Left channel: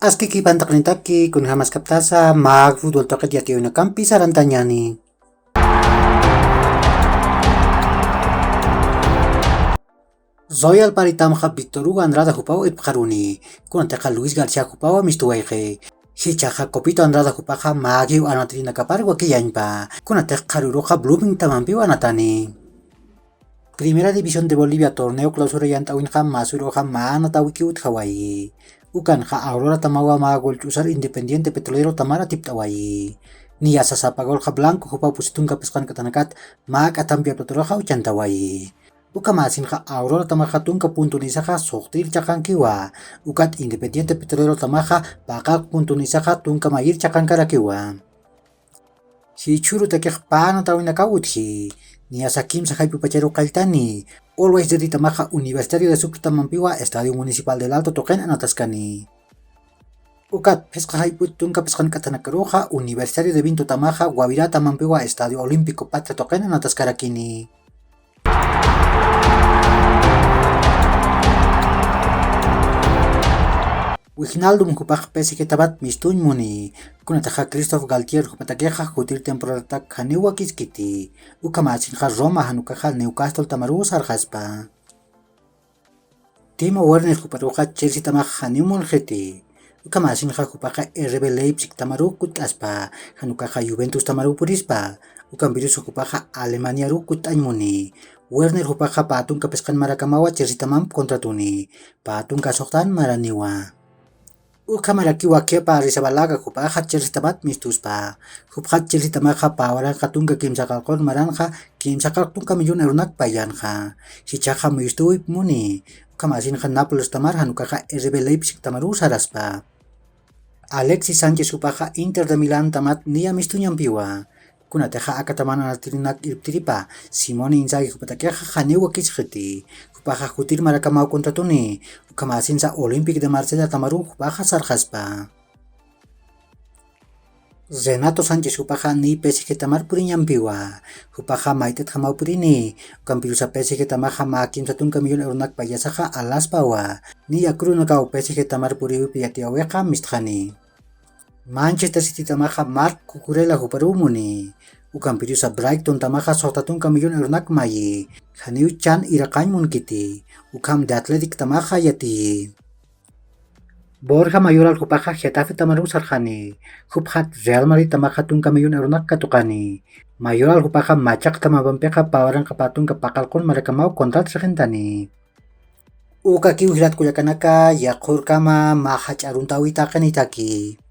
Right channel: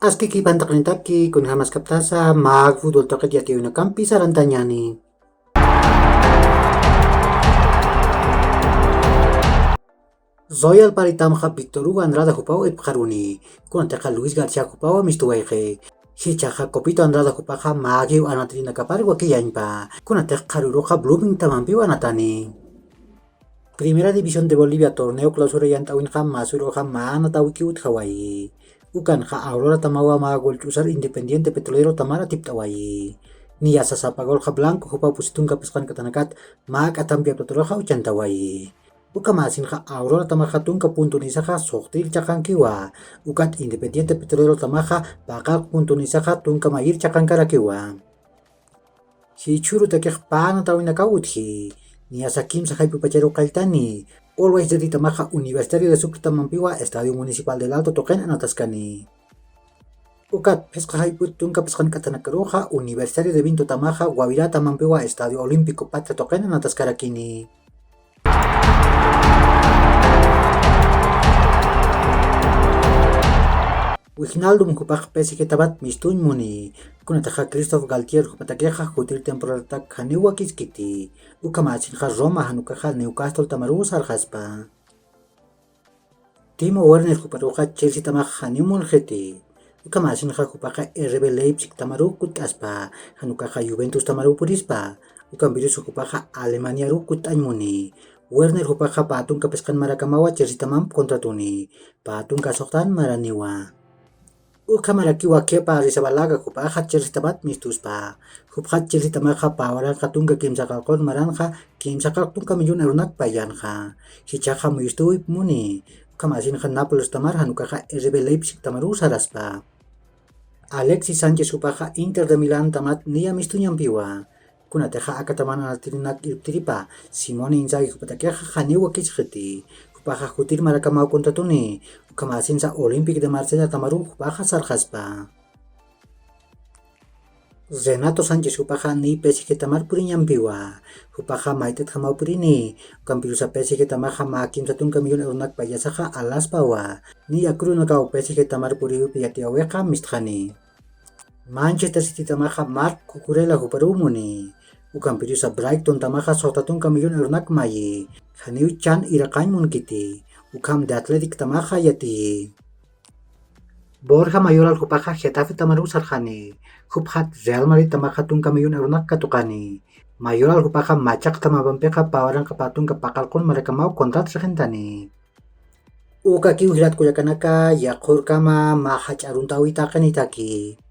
Askiki pantaknitaki kun hamas kaptasa mag futbol toket yaki una kampi sarantanyani. Zoyal paritam ha Victor Hugo Andrada Jupao ipkaruni. Kun anteka Luis Garcia Jupao mistuwaike. Hichaja Copito Andrada Jupaja magi anatrina kapar wakiyanpa. Kun anteka karuroja blooming tamampi anatani. Primera División de Bolivia torneo clausura yantawinja masuroja maanatawiki Hawaii. Ukan ha Aurora Tamawa magol chusar Independiente Petrolero Tamara tiptawai. Ni asasapagol ha Blanco Jupa pusitunga peskan katanakat mag atampia petroja uchantawai. Uka masin ha Aurora Tamaja tunka punto nisaja soktir chakankiwa. Ukat Independiente Petrolero Tamaja bakak punto nisaja tunka mayir chakankarakiwa. Si churu tekeh panatawinaka uthi. Ni asakim sa pupachero kaltani. Always dari Tamaja Universitario de Sucrutamampiwa Estadio Municipal del Alto Token Anataskani. Ukat pesca haiput tunka peskan katanakaroja Universitario de Vinto Tamaja Guavirá Tamampiwa Estadio Olímpico Patria Token Anataskarakini. Wijnaldum kupaj PSG tabat mistuñ muni. Kunataja Christophe Galtier kupatakeja jutir temporada kanewa kiskiti. Ukamasin ha Roma hanukaja Newcastle tamaru sarjaspa. Timo Werner kuparuja Chelsea tamaj hanimul jeti. Ukamasin ha kupaja RB Leipzig tamaru kutaspa. Hanukaja Juventus tamaru purispa. Ukamvirus kupaja Alemania ru kutanymuni. Werner kupaja patung kapeskan marakamawa Chelsea tamam kontratuni. Patung kasoktan maraniwa. Ukamaraki wakepa risabalaga kupaja Chelsea tabat mistuspa. Kupaj Chelsea tamaja pawara katunga kimsakalkon maranja kimsakal tunka milyon erunak payanja. Hichaja mistuip muni. Ukamasin ha Naples tamar hanukaja RB Leipzig tamaru saraspa. Alexis Sánchez kupaja Inter de Milan tamat nia mistunyampiwa. Kunateja akatamana natirinak irtiripa. Simone Inzaghi kupatakeja hanewa kisjeti. Kupaja jutir marakamau kontratuni. Ukamasin sa Olympique de Marsella tamaru kupaja sarjaspa. Renato Sánchez kupaja ni PSG tamar purinyampiwa. Kupaja maitet hamau purini. Ukampirusa PSG tamaja makim satunka milyon erunak payasaja alaspawa. Ni akrunakau PSG tamar puriwi piyatiaweja misthani. Manchester City tamaja Marc Cucurella huparumuni. Ukampirusa Brighton tamaja sotatunka milyon erunak mayi. Haniu Chan irakanymun kiti. Ukam de Athletic tamaja yati. Borja Mayoral kupaja Getafe tamaru sarjani. Kuphat Real Madrid tamaja tunka milyon erunak katukani. Mayoral kupaja Machak tamabampeja pawaran kapatung kapakalkon marakamau kontrat sarjentani. Uka kiu hirat kuyakanaka yakur kama mahach aruntawi takan itaki.